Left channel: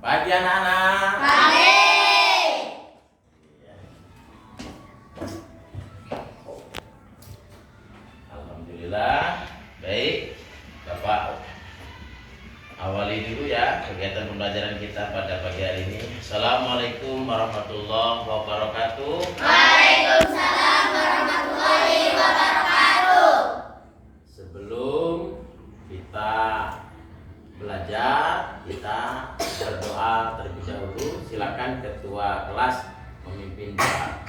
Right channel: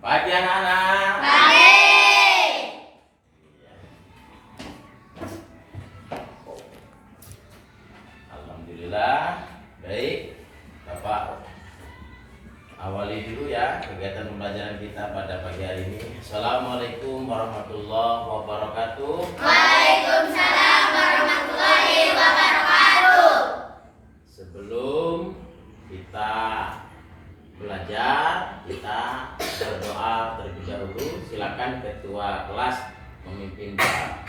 Pagi anak-anak. Pagi. Alhamdulillah. Baik, Bapak awali dulu ya kegiatan pembelajaran kita pada pagi hari ini. Assalamualaikum warahmatullahi wabarakatuh. Waalaikumsalam warahmatullahi wabarakatuh. Sebelum kita belajar, kita berdoa terlebih dahulu. Silakan ketua kelas memimpin doa.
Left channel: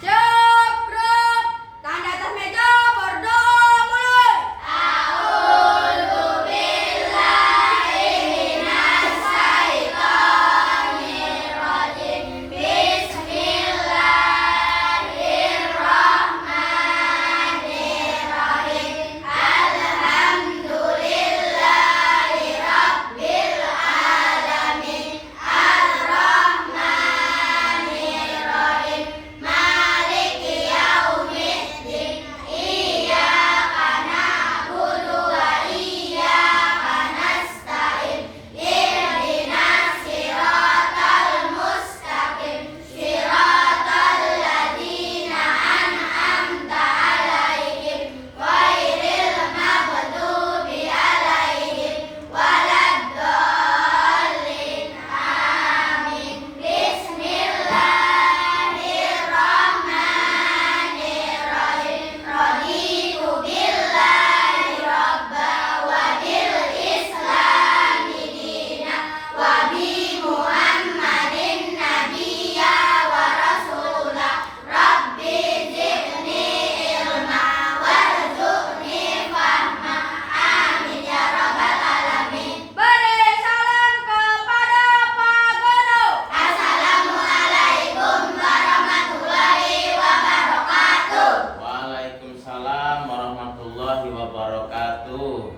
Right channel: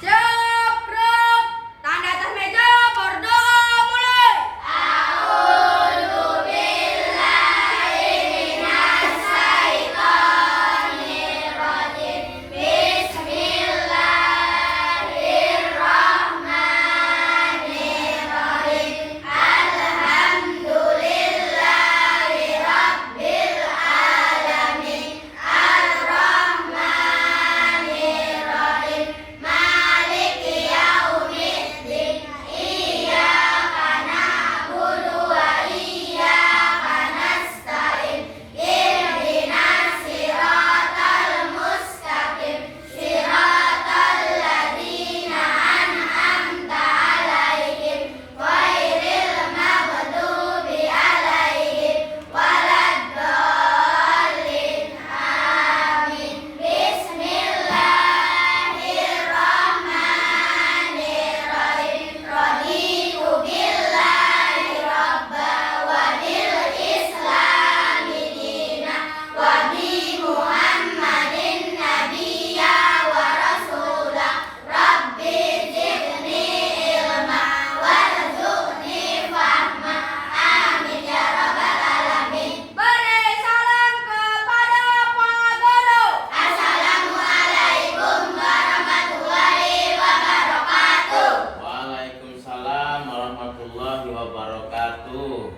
Siap, gerak. Tanda atas meja, berdoa mulai. A'udzu billahi minas syaitonir rajim. Bismillahirrahmanirrahim. Alhamdulillahi rabbil alamin. Ar-Rahmanir-Rahim. Maliki yaumiddin. Iyyaka na'budu wa iyyaka nasta'in. Ihdinas siratal mustaqim. Siratal ladzina an'amta 'alaihim ghairil maghdubi 'alaihim waladdallin. Amin. Bismillahirrahmanirrahim. Raditu billahi rabba wa bil islami dina wa bi Muhammadin nabiyya wa rasula. Rabbi zidni ilma warzuqni fahma. Amin ya rabbal alamin. Beri salam kepada Pak Guru. Assalamualaikum warahmatullahi wabarakatuh. Waalaikumsalam warahmatullahi wabarakatuh.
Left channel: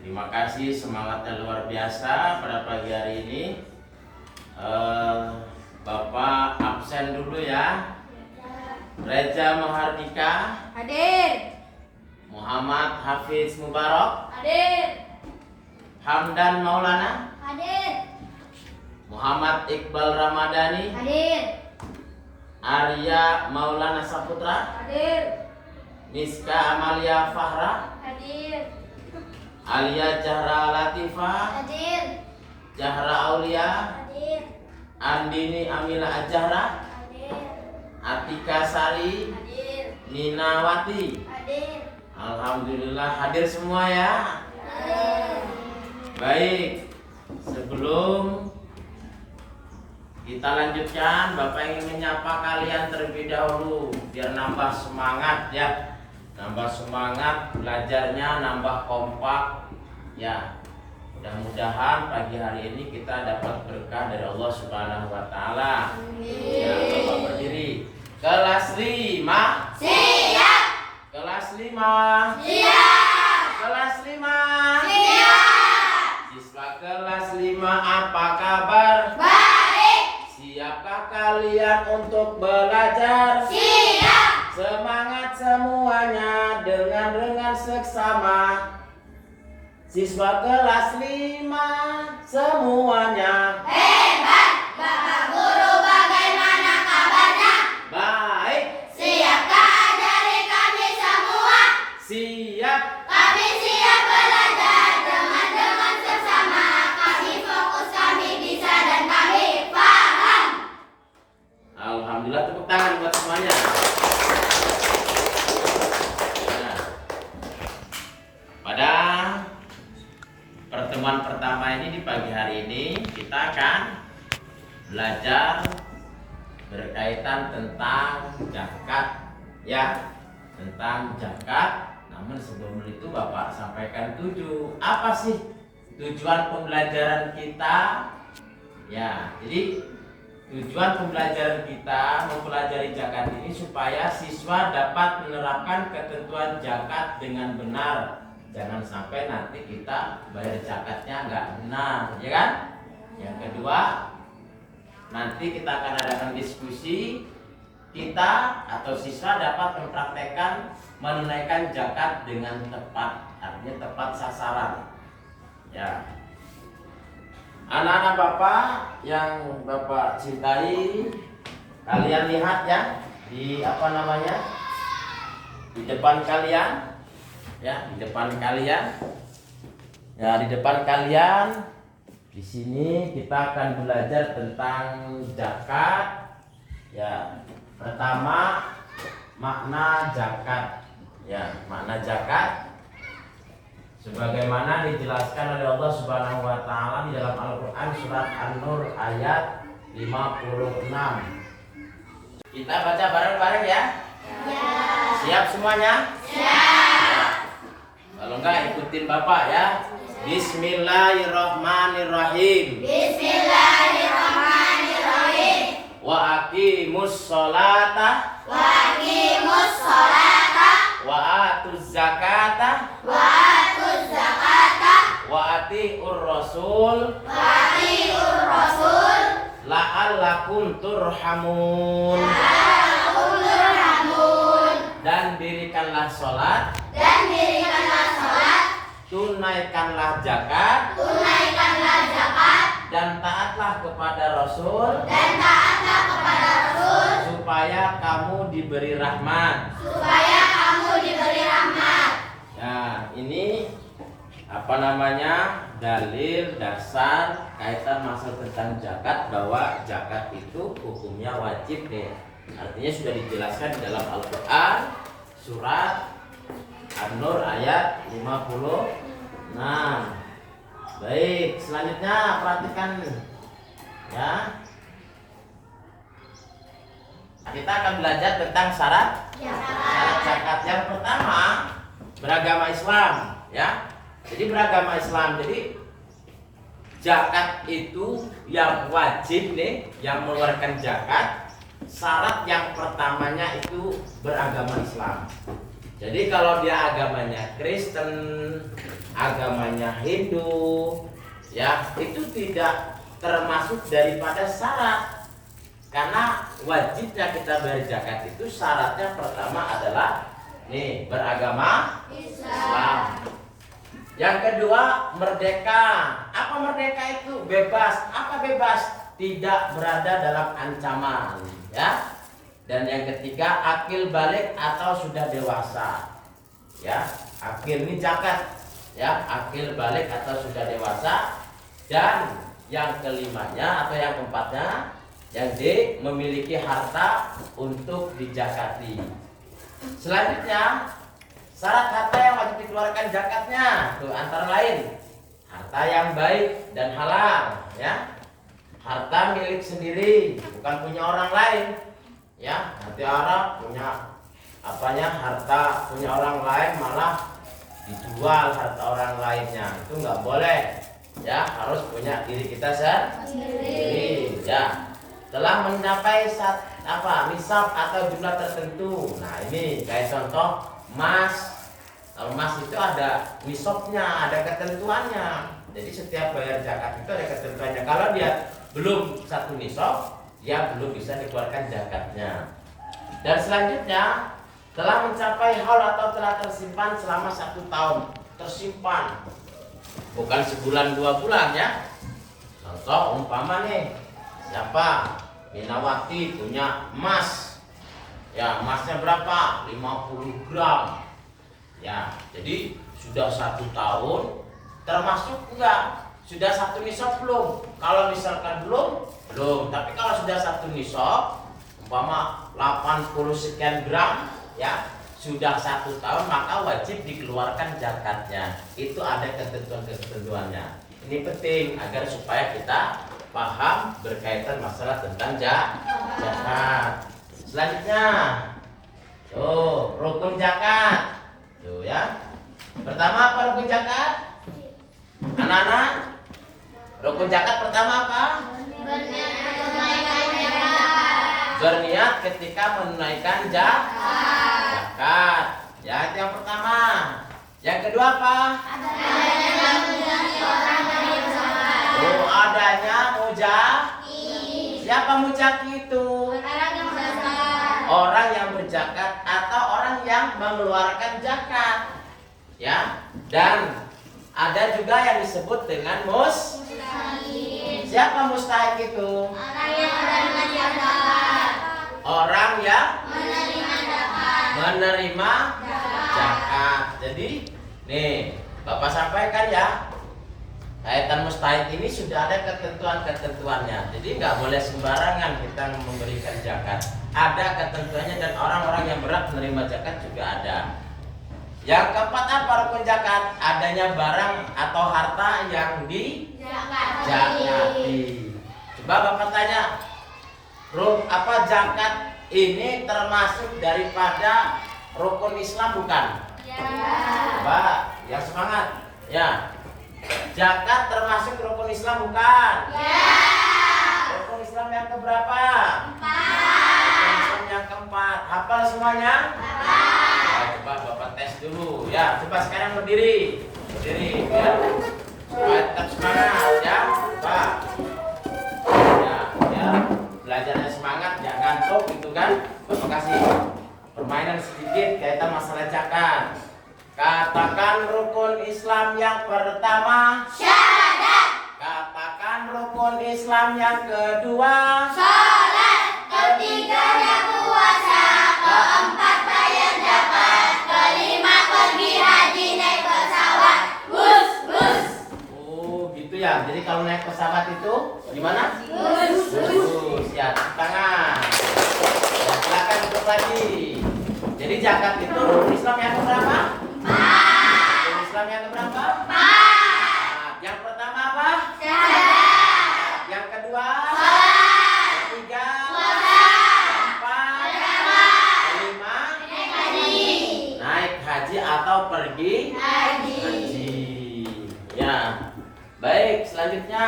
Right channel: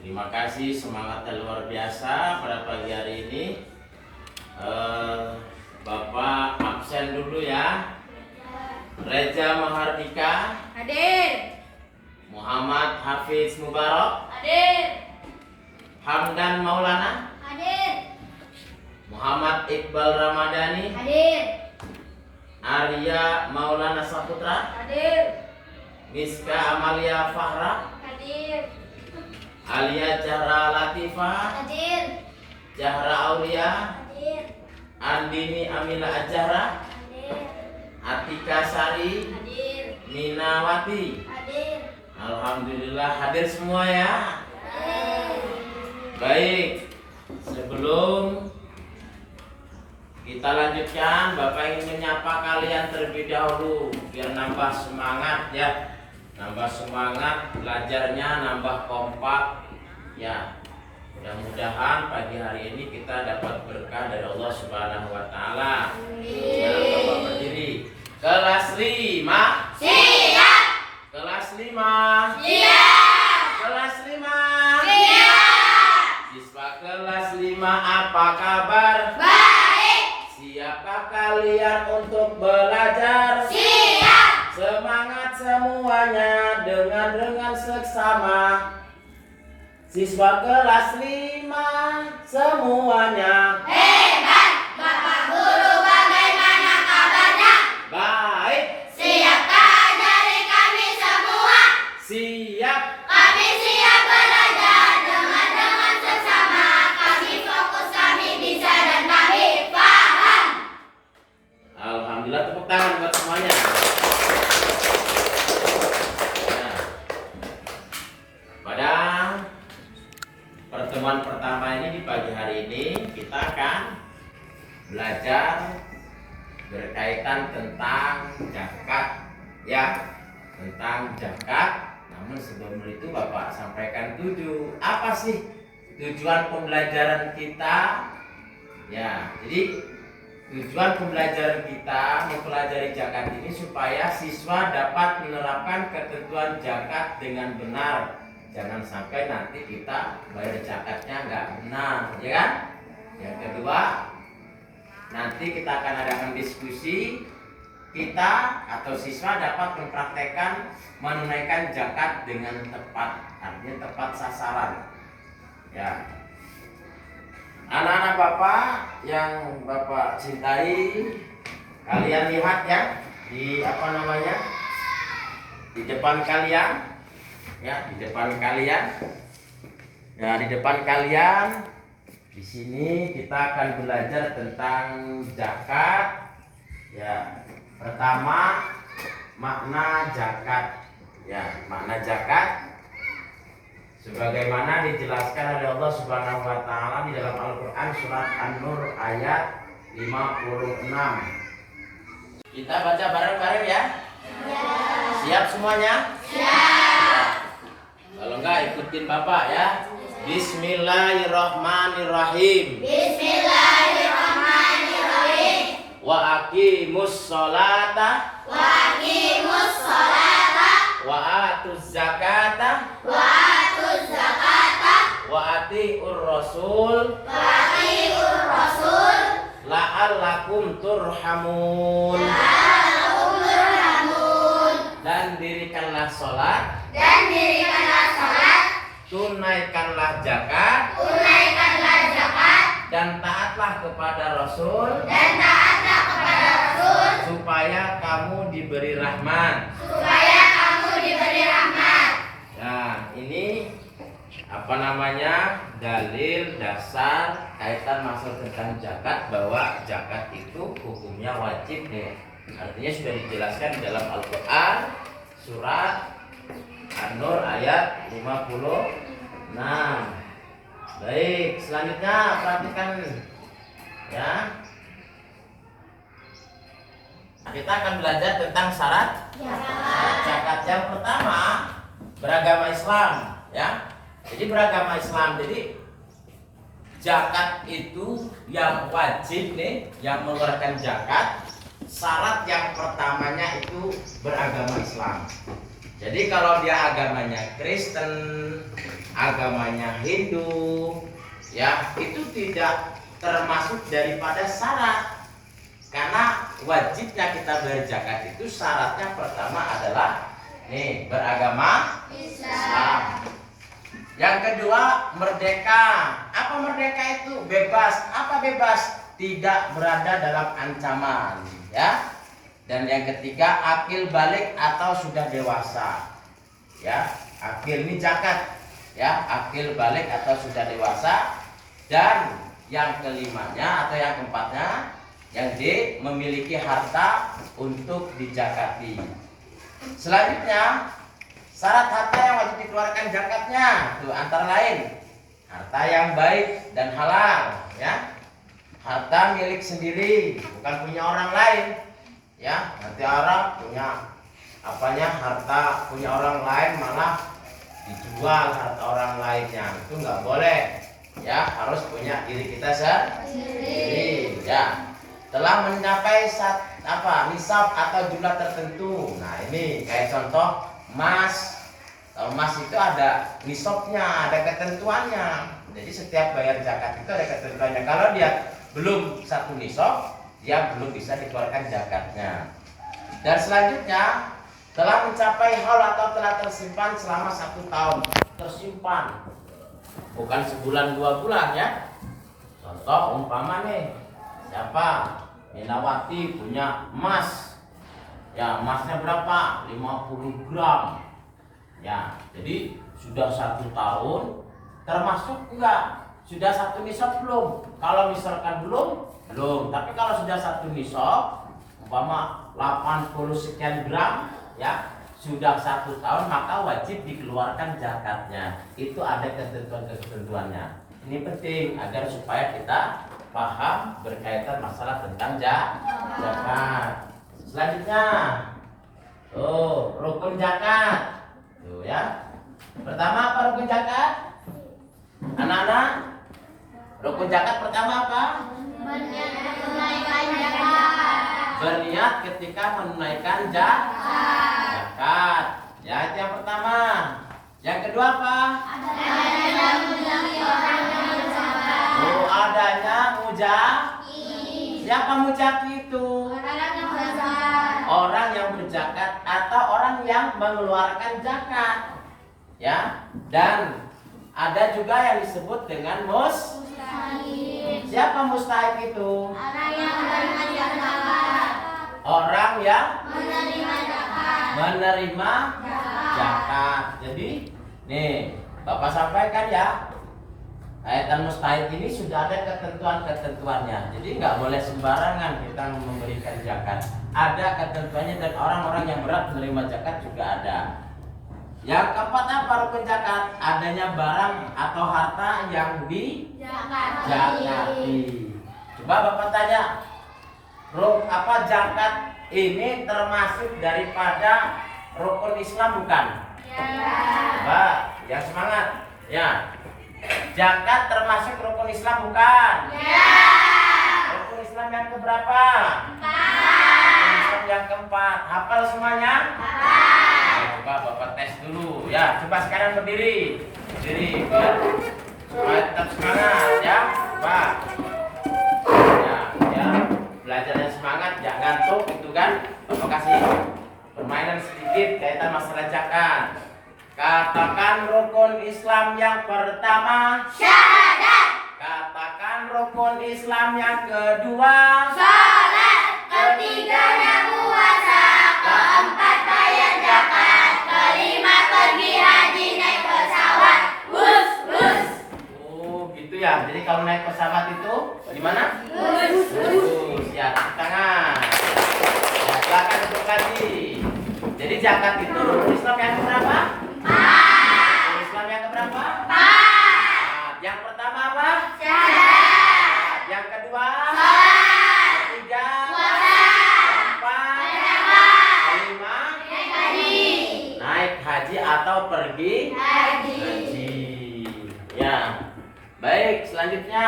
Terima kasih, semangatnya luar biasa pada pagi hari ini. Bapak absen dulu ya. Reza Mahardika, Hadir. Muhammad Hafiz Mubarak, Hadir. Hamdan Maulana, Hadir. Muhammad Iqbal Ramadhani, Hadir. Arya Maulana Saputra, Hadir. Miska Amalia Fahra, Hadir. Alia Zahra Latifah, Hadir. Zahra Aulia, Hadir. Andini Amila Azhara, Hadir. Atika Sari, Hadir. Ninawati. Hadir. Alhamdulillah hadir semua ya. Baik, sebelum kita lanjutkan, Bapak ingin menyapa kalian terlebih dahulu biar nambah semangat ya. Nambah semangat belajarnya, nambah kompak ya. Mudah-mudahan pagi hari ini kita dapat berkah dari Allah Subhanahu wa taala. Ya, Bapak berdiri. Kelas 5. Siap. Kelas 5. Siap. Kelas 5. Siap. Siswa kelas 5 apa kabar? Baik. Siapkah kalian untuk belajar? Siap. Semangat semuanya dengan seksama. Siswa kelas 5 semuanya. Hebat. Bapak Guru bagaimana kabarnya? Baik, Siapkah ajari kami semua? siap. Kami siap belajar dengan sesama. Kami fokus, kami bisa dan kami paham. Alhamdulillah, tepuk tangan buat semuanya. Nah, pada pertemuan pertama ini di pagi hari ini kita akan belajar berkaitan tentang zakat ya, tentang zakat. Namun sebelum itu Bapak sampaikan apa sih tujuan pembelajaran kita ya. Jadi tujuan pembelajaran kita mempelajari zakat ini supaya siswa dapat menerapkan ketentuan zakat dengan benar. Jangan sampai nanti kita bayar zakatnya nggak benar, ya kan? Yang kedua, nanti kita akan adakan diskusi. Kita atau siswa dapat mempraktekkan menunaikan zakat dengan tepat, artinya tepat sasaran. Ya. Anak-anak Bapak yang Bapak cintai, kalian lihat ya di apa namanya? Di depan kalian. Ya, di depan kalian. Nah, di depan kalian di sini kita akan belajar tentang zakat. Ya, pertama makna zakat. Ya, makna zakat sebagaimana dijelaskan oleh Allah Subhanahu wa taala di dalam Al-Qur'an surat An-Nur ayat 56. Kita baca bareng-bareng ya? Ya. Siap semuanya? Siap. Kalau enggak ikutin Bapak ya. Bismillahirrahmanirrahim. Bismillahirrahmanirrahim. Wa aqimus sholata. Wa aqimus sholata. Wa atuz zakata. Wa atuz zakata. Wa atiur rasul. Wa atiur rasul. La'allakum turhamun. La'allakum turhamun. Dan dirikanlah sholat. Dan dirikanlah sholat. Tunaikanlah zakat. Tunaikanlah zakat. Dan taatlah kepada Rasul. Dan taatlah kepada Rasul. Supaya kamu diberi rahmat. Supaya kamu diberi rahmat. Nah, ini apa namanya? Dalil dasar kaitan masuk tentang zakat, bahwa zakat itu hukumnya wajib nih. Artinya sudah dijelaskan di dalam Al-Qur'an surat An-Nur ayat 56. Baik, selanjutnya perhatikan ya. Kita akan belajar tentang syarat zakat. Yang pertama, beragama Islam ya. Jadi beragama Islam. Jadi zakat itu yang wajib nih, yang mengeluarkan zakat. Syarat yang pertamanya itu beragama Islam. Jadi kalau dia agamanya Kristen, agamanya Hindu, ya itu tidak termasuk daripada syarat. Karena wajibnya kita bayar zakat itu syaratnya pertama adalah nih beragama Islam. Yang kedua merdeka. Apa merdeka itu? Bebas. Apa bebas? Tidak berada dalam ancaman, ya. Dan yang ketiga akil balik atau sudah dewasa. Ya, akil ini zakat. Ya, akil balik atau sudah dewasa. Dan yang kelimanya atau yang keempatnya yang D memiliki harta untuk dizakati. Selanjutnya syarat harta yang wajib dikeluarkan zakatnya tuh antara lain harta yang baik dan halal, ya. Harta milik sendiri, bukan punya orang lain. Ya, nanti orang punya apanya harta punya orang lain malah dijual harta orang lainnya, itu nggak boleh. Ya, harus punya diri kita sendiri. Ya, telah mencapai nisab atau jumlah tertentu. Nah ini kayak contoh emas. Kalau emas itu ada nisabnya, ada ketentuannya. Jadi setiap bayar zakat itu ada ketentuannya. Kalau dia belum satu nisab, dia belum bisa dikeluarkan zakatnya. Dan selanjutnya telah mencapai haul atau telah tersimpan selama 1 tahun. Tersimpan bukan sebulan 2 bulan ya. Contoh umpama nih, siapa Minawati punya emas, ya emasnya berapa? 50 gram. Ya, jadi sudah 1 tahun termasuk enggak? Sudah 1 nisab belum? Kalau misalkan belum, tapi kalau sudah 1 nisab, umpama 80 sekian gram, ya sudah 1 tahun, maka wajib dikeluarkan zakatnya. Itu ada ketentuan-ketentuannya. Ini penting agar supaya kita paham berkaitan masalah tentang zakat. Selanjutnya, rukun zakat. Tuh ya. Pertama apa rukun zakat? Anak-anak, rukun zakat pertama apa? Berniat ketika menunaikan zakat. Ya, itu yang pertama. Yang kedua apa? Adanya mujaki. Siapa mujaki itu? Orang yang berzakat atau orang yang mengeluarkan zakat. Ya, dan ada juga yang disebut dengan mustahil. Siapa mustahik itu? Orang yang menerima zakat. Orang yang Menerima zakat. menerima zakat. Jadi, nih, Bapak sampaikan ya. Kaitan mustahik ini sudah ada ketentuan-ketentuannya. Jadi nggak boleh sembarangan kita memberikan zakat. Ada ketentuannya dan orang-orang yang berhak menerima zakat juga ada. Yang keempat apa rukun zakat? Adanya barang atau harta yang dijakati. Coba Bapak tanya, zakat ini termasuk daripada rukun Islam bukan? Coba yang semangat. Ya. Zakat termasuk rukun Islam bukan? Rukun Islam yang keberapa? 4. Rukun Islam yang keempat. Hafal semuanya? Nah, coba Bapak tes dulu. Ya, coba sekarang berdiri. Berdiri, biar supaya tetap semangat ya. Coba. Ya, biar belajarnya semangat, jangan ngantuk gitu kan. Bapak kasih permainan sedikit kaitan masalah zakat. Katakan rukun Islam yang pertama. Syahadat. Katakan rukun Islam yang kedua. Salat. Ketiganya puasa. Keempat bayar zakat. Kelima pergi haji naik pesawat. Bus, bus. Oh gitu ya. Jadi kalau naik pesawat itu gimana? Bus. Ya, tangan. Ya, silakan duduk lagi. Jadi zakat itu rukun Islam yang keberapa? Rukun Islam yang keberapa? 4. Yang pertama apa? Syahadat. Yang kedua? Salat. Ketiga? Puasa. Keempat? Kelima? Naik haji. Naik haji atau pergi Haji. haji. Ya. Baik, selanjutnya.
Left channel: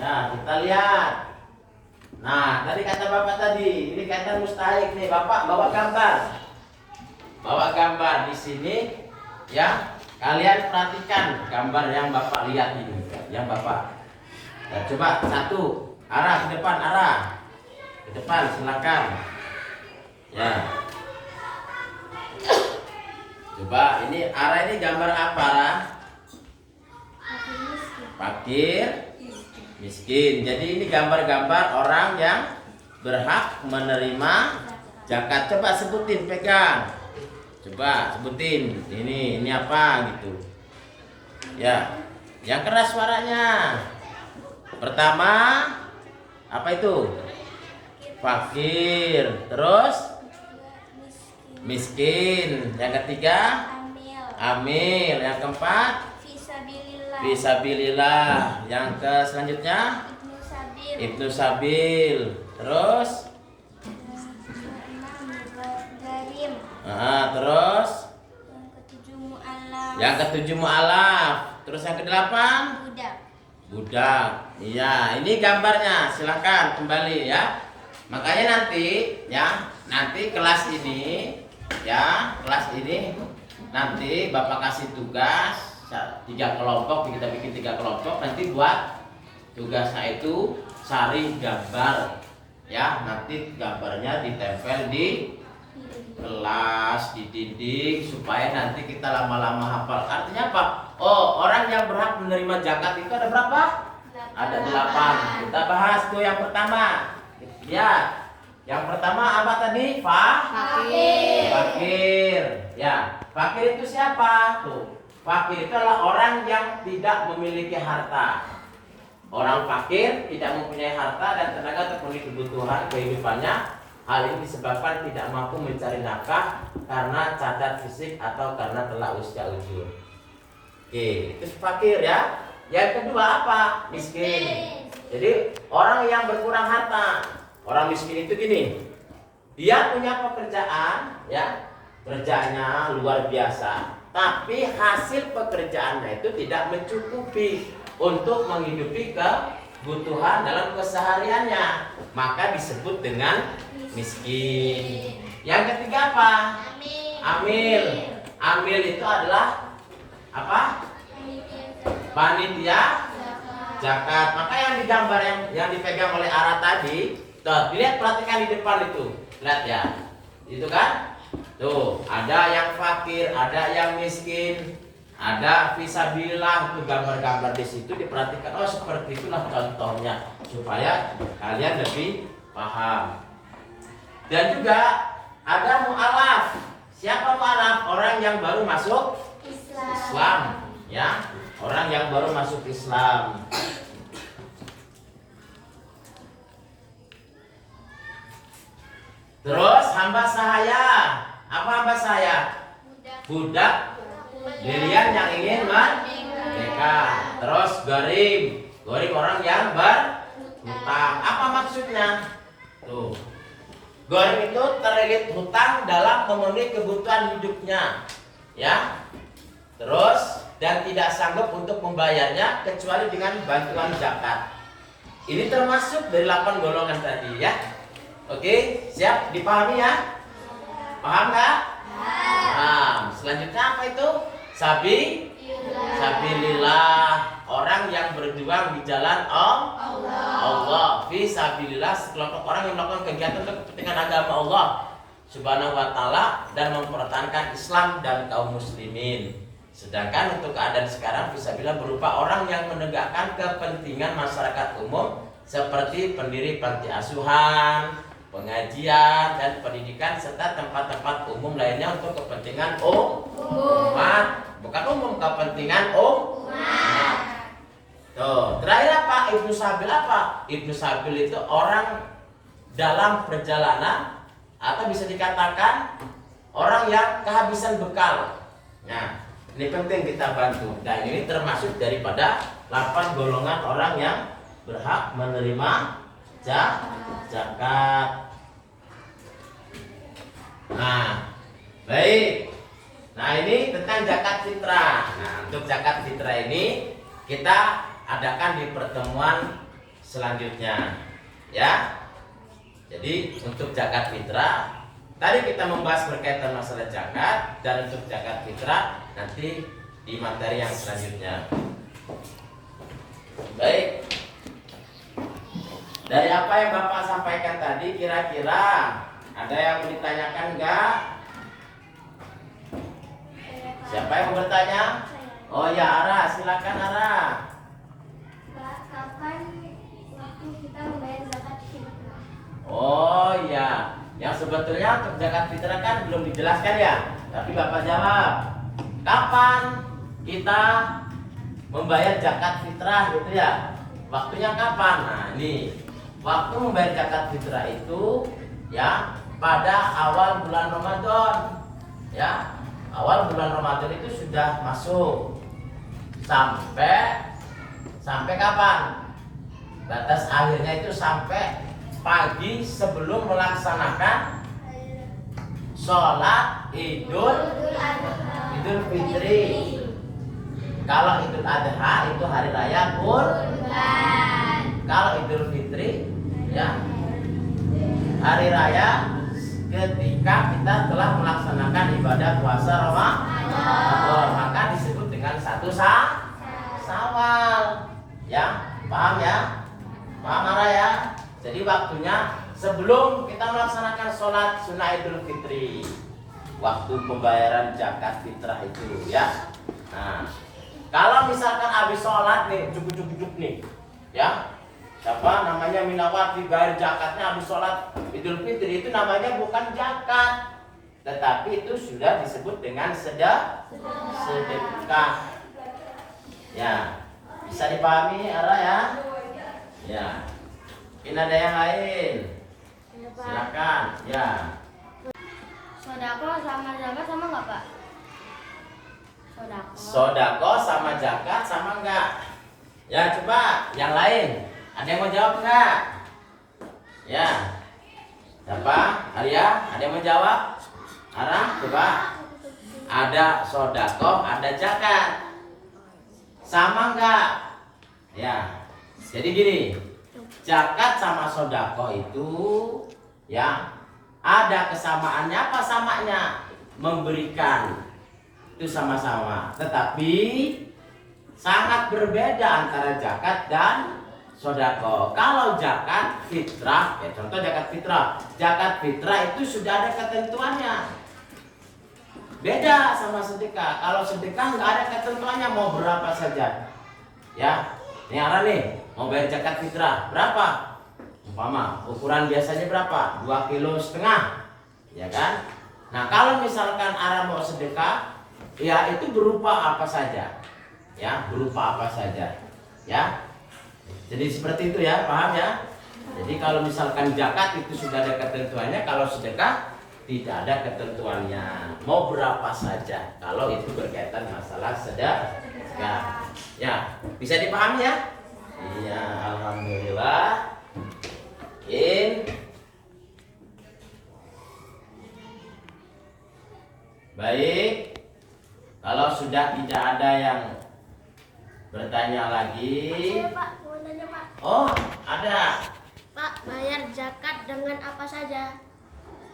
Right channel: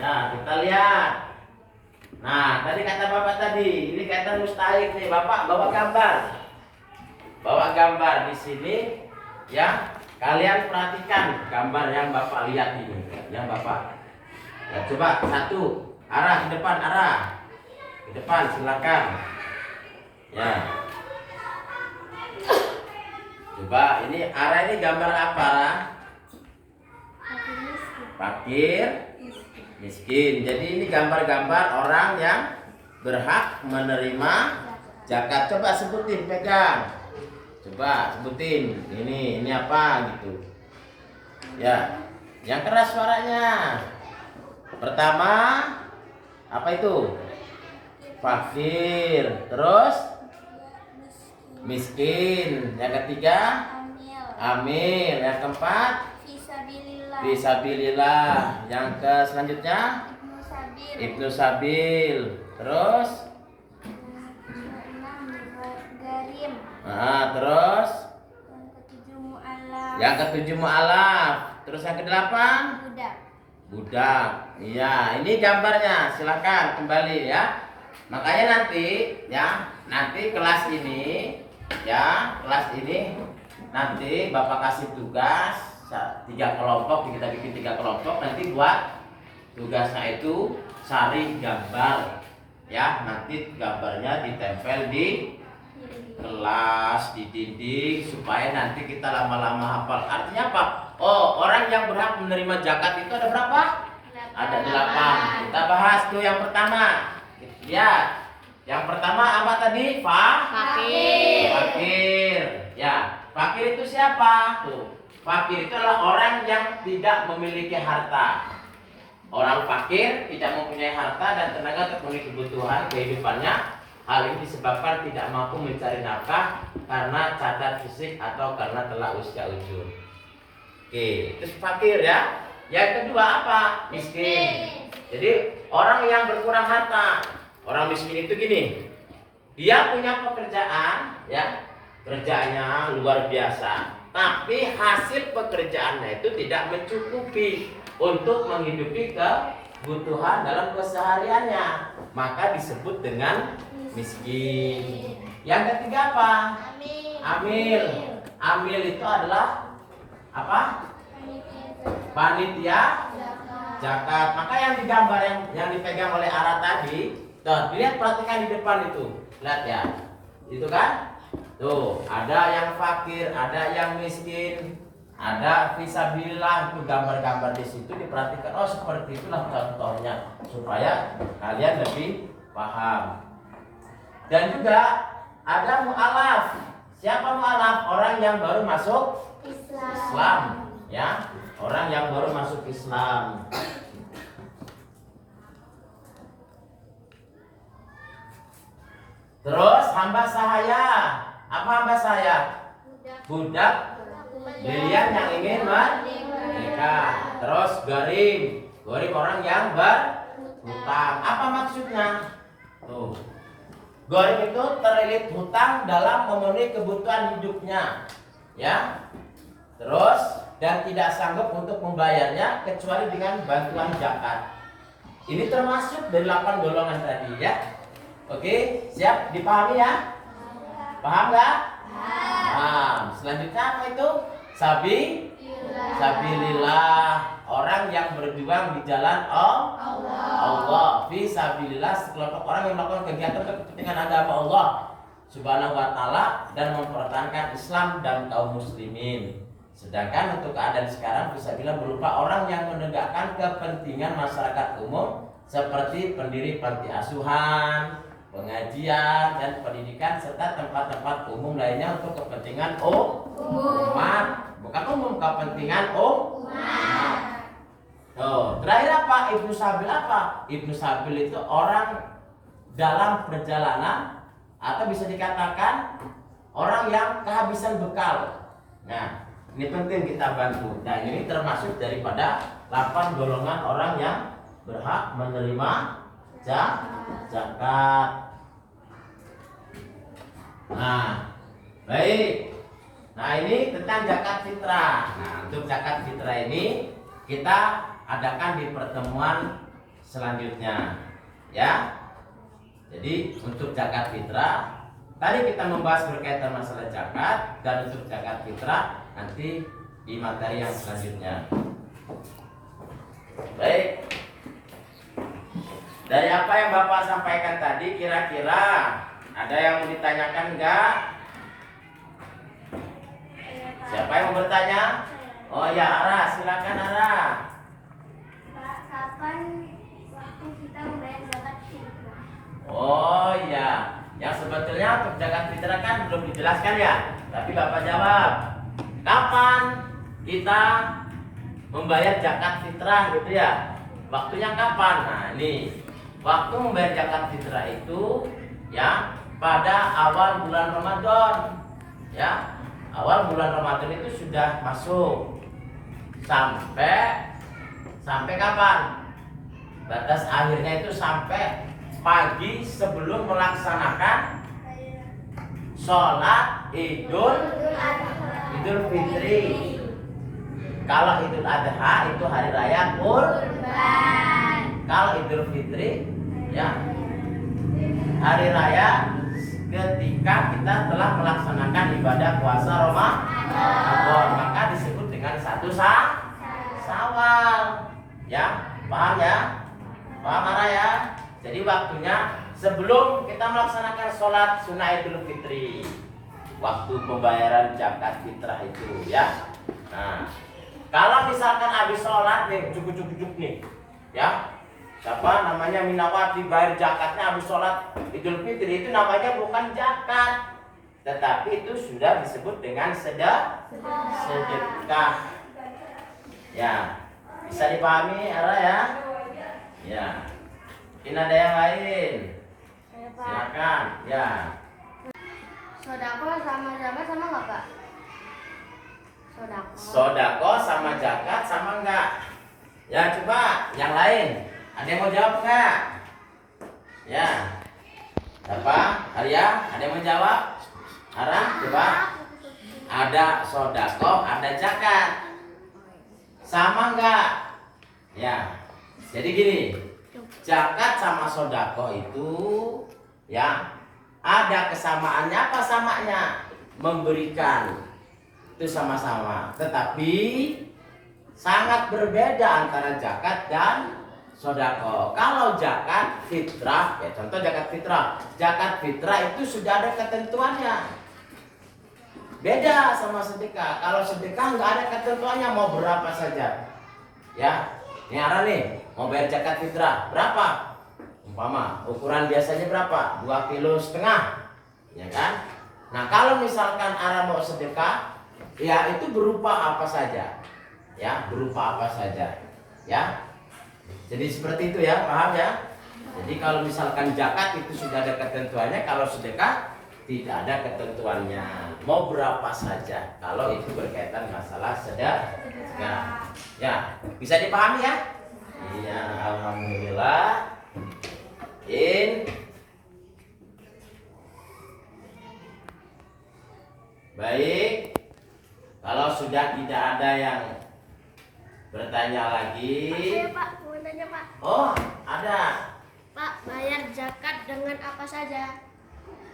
Ya, kita lihat. Nah, tadi kata Bapak tadi, ini kaitan mustahik nih. Bapak bawa gambar. Bawa gambar di sini ya. Kalian perhatikan gambar yang Bapak lihat ini, yang Bapak. Ya, coba satu, arah ke depan, arah. Ke depan silakan. Ya. Coba ini arah ini gambar apa, Arah? Fakir, miskin. Jadi ini gambar-gambar orang yang berhak menerima zakat. Coba sebutin, pegang. Coba sebutin. Ini apa gitu. Ya. Yang keras suaranya. Pertama apa itu? Fakir. Terus miskin. Yang ketiga amil. Yang keempat fisabilillah. Yang ke selanjutnya Ibnu Sabil. Terus terus yang ketujuh mu'alaf. Terus yang kedelapan budak. Iya, ini gambarnya. Silakan kembali ya. Makanya nanti kelas ini nanti Bapak kasih tugas 3 kelompok, kita bikin 3 kelompok. Nanti buat tugasnya itu cari gambar ya. Nanti gambarnya ditempel di kelas, di dinding, supaya nanti kita lama-lama hafal. Artinya apa? Oh, orang yang berhak menerima zakat itu ada berapa? Ada 8. Kita bahas tuh yang pertama. Ya, yang pertama apa tadi? Fakir. Ya, fakir itu siapa? Tuh, fakir itu adalah orang yang tidak memiliki harta. Orang fakir tidak mempunyai harta dan tenaga untuk memenuhi kebutuhan kehidupannya. Hal ini disebabkan tidak mampu mencari nafkah karena cacat fisik atau karena telah usia ujur. Oke, itu fakir ya. Yang kedua apa? Miskin. Jadi orang yang berkurang harta. Orang miskin itu gini. Dia punya pekerjaan ya. Kerjanya luar biasa. Tapi hasil pekerjaannya itu tidak mencukupi untuk menghidupi kebutuhan dalam kesehariannya. Maka disebut dengan miskin. Yang ketiga apa? Amil. Amil itu adalah apa? Panitia zakat. Maka yang digambar yang dipegang oleh Ara tadi, tuh, dilihat, perhatikan di depan itu. Lihat ya. Itu kan? Tuh, ada yang fakir, ada yang miskin, ada fisabilillah, itu gambar-gambar di situ diperhatikan. Oh, seperti itulah contohnya supaya kalian lebih paham. Dan juga ada mu'alaf. Siapa mu'alaf? Orang yang baru masuk Islam, ya. Orang yang baru masuk Islam. Terus hamba sahaya. Apa hamba sahaya? Budak Lilian yang ingin merdeka. Terus gorim orang yang berhutang. Apa maksudnya? Tuh, gorim itu terlilit hutang dalam memenuhi kebutuhan hidupnya, ya. Terus dan tidak sanggup untuk membayarnya kecuali dengan bantuan zakat. Ini termasuk dari 8 golongan tadi, ya. Oke, siap dipahami ya? Paham nggak? Paham. Selanjutnya apa itu? Sabilillah, orang yang berjuang di jalan Allah. Fi sabilillah, sekelompok orang yang melakukan kegiatan untuk kepentingan agama Allah Subhanahu wa taala dan mempertahankan Islam dan kaum muslimin. Sedangkan untuk keadaan sekarang fisabilillah berupa orang yang menegakkan kepentingan masyarakat umum seperti pendiri panti asuhan, pengajian dan pendidikan serta tempat-tempat umum lainnya untuk kepentingan umat, bukan umum, kepentingan umat. Tuh, terakhir apa? Ibnu Sabil apa? Ibnu Sabil itu orang dalam perjalanan atau bisa dikatakan orang yang kehabisan bekal. Nah, ini penting kita bantu. Dan ini termasuk daripada 8 golongan orang yang berhak menerima zakat. Nah, baik. Nah, ini tentang zakat fitrah. Nah, untuk zakat fitrah ini kita adakan di pertemuan selanjutnya, ya. Jadi untuk zakat fitrah tadi kita membahas berkaitan masalah zakat, dan untuk zakat fitrah nanti di materi yang selanjutnya. Baik. Dari apa yang Bapak sampaikan tadi, kira-kira ada yang mau ditanyakan enggak? Siapa yang mau bertanya? Oh ya, Ara, silakan Ara. Pak, kapan waktu kita membayar zakat fitrah? Oh ya, yang sebetulnya untuk zakat fitrah kan belum dijelaskan ya. Tapi Bapak jawab, kapan kita membayar zakat fitrah gitu ya? Waktunya kapan? Nah, ini waktu membayar zakat fitrah itu ya pada awal bulan Ramadan, ya. Awal bulan Ramadan itu sudah masuk sampai kapan? Batas akhirnya itu sampai pagi sebelum melaksanakan sholat Idul Fitri. Kalau Idul Adha itu hari raya Kurban. Kalau Idul Fitri ya hari raya ketika kita telah melaksanakan ibadah puasa Ramadan, maka disebut dengan satu Syawal. Ya, paham ya? Paham Ara ya? Jadi waktunya sebelum kita melaksanakan sholat sunnah Idul Fitri, waktu pembayaran zakat fitrah itu ya. Nah, kalau misalkan habis sholat nih, cukup nih, ya. Siapa namanya Minawati bayar zakatnya habis sholat Idul Fitri, itu namanya bukan zakat, tetapi itu sudah disebut dengan sedekah. Ya, bisa dipahami Ara ya? Ya. Mungkin ada yang lain? Silakan. Ya. Sodako sama zakat sama nggak Pak? Sodako sama zakat sama enggak? Ya, coba yang lain. Ada yang mau jawab enggak? Ya. Siapa? Arya? Ada yang mau jawab? Ara, coba. Ada sodako, ada zakat. Sama enggak? Ya. Jadi gini, zakat sama sodako itu ya ada kesamaannya. Apa samanya? Memberikan. Itu sama-sama. Tetapi sangat berbeda antara zakat dan sodako. Kalau zakat fitrah, ya contoh zakat fitrah. Zakat fitrah itu sudah ada ketentuannya. Beda sama sedekah. Kalau sedekah nggak ada ketentuannya, mau berapa saja. Ya, ini Ara nih mau bayar zakat fitrah berapa? Umpama ukuran biasanya berapa? 2,5 kg, ya kan? Nah kalau misalkan Ara mau sedekah, ya itu berupa apa saja, ya berupa apa saja, ya. Jadi seperti itu ya, paham ya? Jadi kalau misalkan zakat itu sudah ada ketentuannya, kalau sedekah tidak ada ketentuannya. Mau berapa saja kalau itu berkaitan masalah sedekah. Ya, bisa dipahami ya? Iya, alhamdulillah. Baik. Kalau sudah tidak ada yang bertanya lagi. Saya, Pak, mau tanya, Pak. Oh, ada. Pak, bayar zakat dengan apa saja?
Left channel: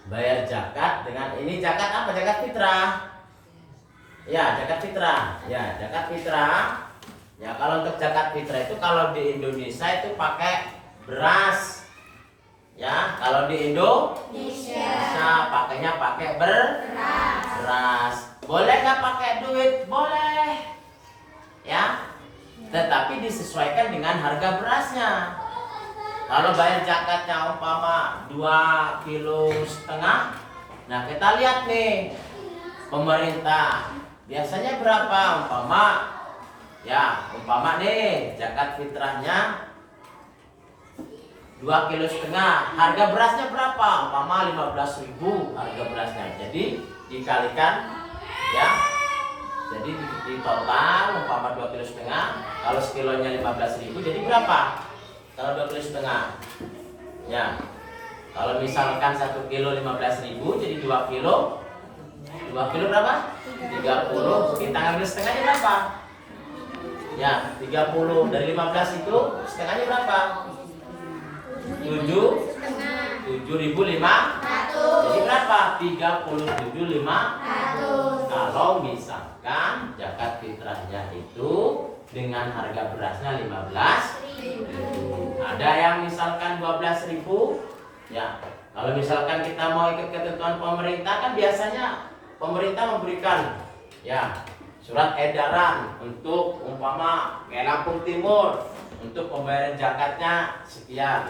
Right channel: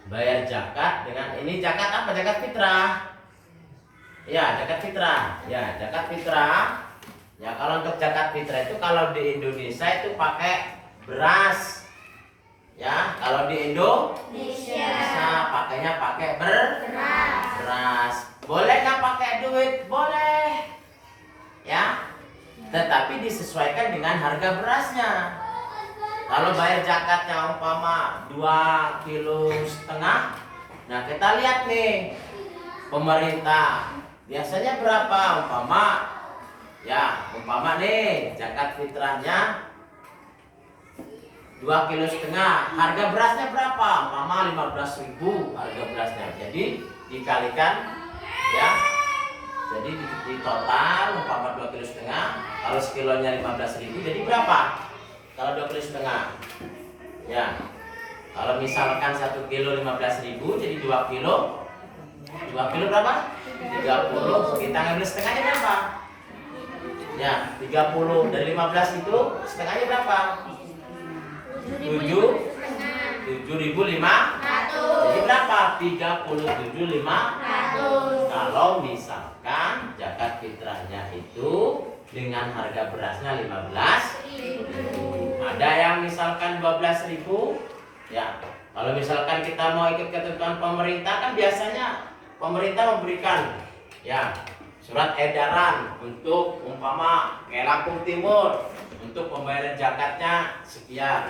Bayar zakat dengan ini zakat apa? Zakat fitrah. Ya, zakat fitrah. Ya, zakat fitrah. Ya, kalau untuk zakat fitrah itu kalau di Indonesia itu pakai beras. Ya, kalau di Indonesia pakainya pakai beras. Boleh nggak pakai duit? Boleh. Ya. Tetapi disesuaikan dengan harga berasnya. Kalau bayar zakatnya umpama 2,5 kg, nah kita lihat nih pemerintah biasanya berapa umpama nih zakat fitrahnya 2,5 kg, harga berasnya berapa? Umpama 15.000 harga berasnya. Jadi dikalikan ya. Jadi di total umpama 2,5 kg, kalau sekilonya 15.000 jadi berapa? Kalau 2,5 kg, ya. Kalau misalkan 1 kilo 15.000, jadi 2 kilo. 2 kilo berapa? 30. Kita ngambil setengahnya berapa? Ya, 30 dari 15 itu setengahnya berapa? 7.500. Jadi berapa? 37.500. Kalau misalkan zakat fitrahnya itu dengan harga berasnya 15.000. Ada yang misalkan 12.000, ya. Kalau misalkan kita mau ikut ketentuan pemerintah, kan biasanya pemerintah memberikan ya surat edaran untuk umpama kayak Lampung Timur untuk pembayaran zakatnya sekian.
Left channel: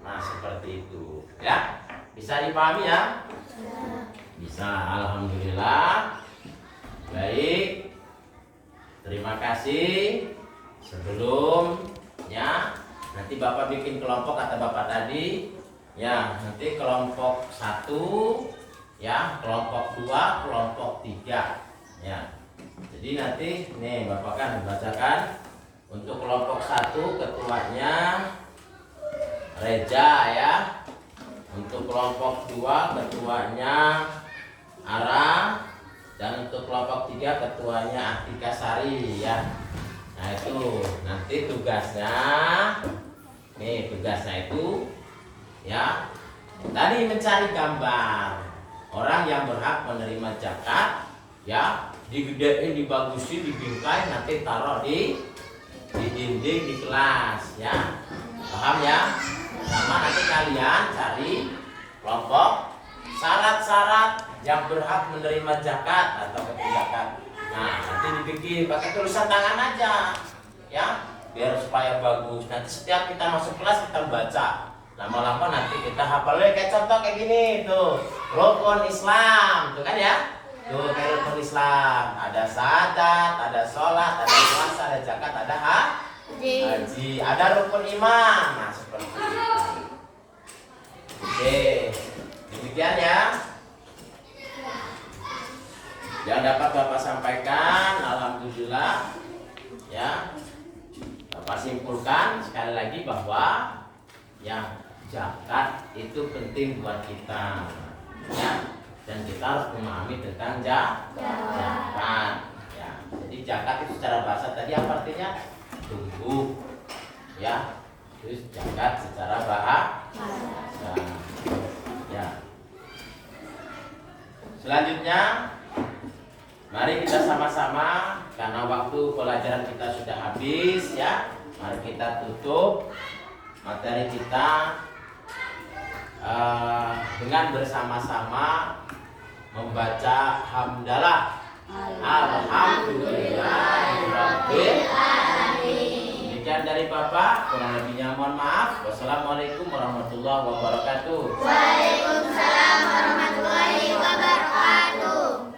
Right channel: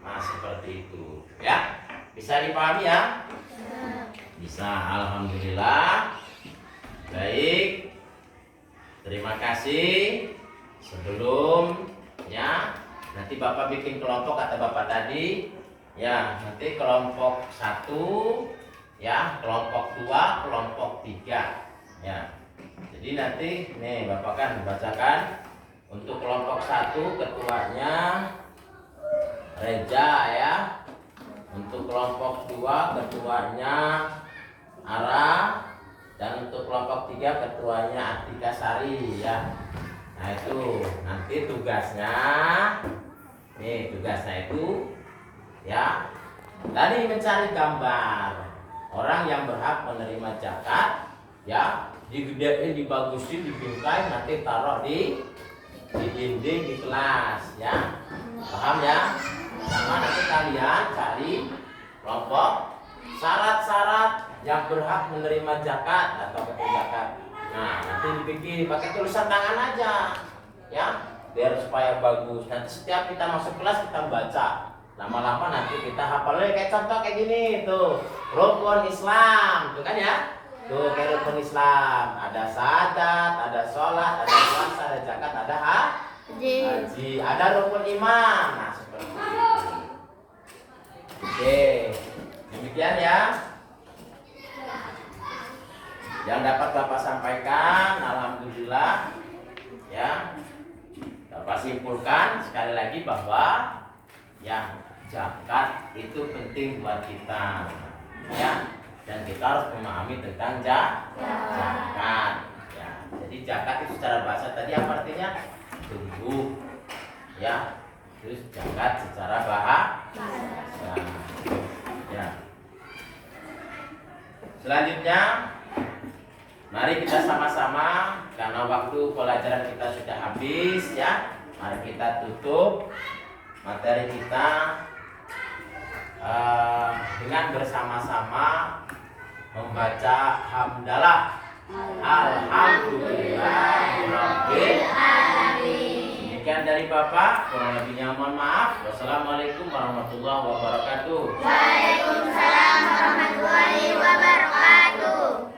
Nah, seperti itu, ya. Bisa dipahami ya? Bisa, alhamdulillah. Baik. Terima kasih. Sebelumnya nanti Bapak bikin kelompok kata Bapak tadi. Ya, nanti kelompok 1, ya, kelompok 2, kelompok 3. Ya. Jadi nanti nih Bapak kan bacakan untuk kelompok 1 ketuanya Reja ya. Untuk kelompok 2 ketuanya Ara, dan untuk kelompok 3 ketuanya Atika Sari ya. Nah itu nanti tugasnya itu ya tadi mencari gambar orang yang berhak menerima zakat ya, digedein, dibagusin, dibingkai, nanti taruh di dinding di kelas ya. Paham ya? Sama nanti kalian cari kelompok syarat-syarat yang berhak menerima zakat atau zakat. Nah, nanti dibikin pakai tulisan tangan aja, ya, biar supaya bagus. Nanti setiap kita masuk kelas kita baca. Lama-lama nanti kita hafalnya kayak contoh kayak gini tuh, rukun Islam, tuh kan ya? Tuh kayak rukun Islam, ada syahadat, ada sholat, ada puasa, ada zakat, ada haji, ada rukun iman. Nah, seperti itu. Oke, demikian ya yang dapat Bapak sampaikan. Alhamdulillah ya, Bapak simpulkan sekali lagi bahwa ya zakat itu penting buat kita ya, dan kita harus memahami tentang zakat ya. Jadi zakat itu secara bahasa tadi apa artinya? Tunggu ya. Terus zakat secara bahasa ya. Selanjutnya mari kita sama-sama, karena waktu pelajaran kita sudah habis ya, mari kita tutup materi kita dengan bersama-sama membaca hamdalah. Alhamdulillahirabbil alamin. Demikian dari Bapak, kurang lebihnya mohon maaf. Wassalamualaikum warahmatullahi wabarakatuh. Waalaikumsalam warahmatullahi wabarakatuh.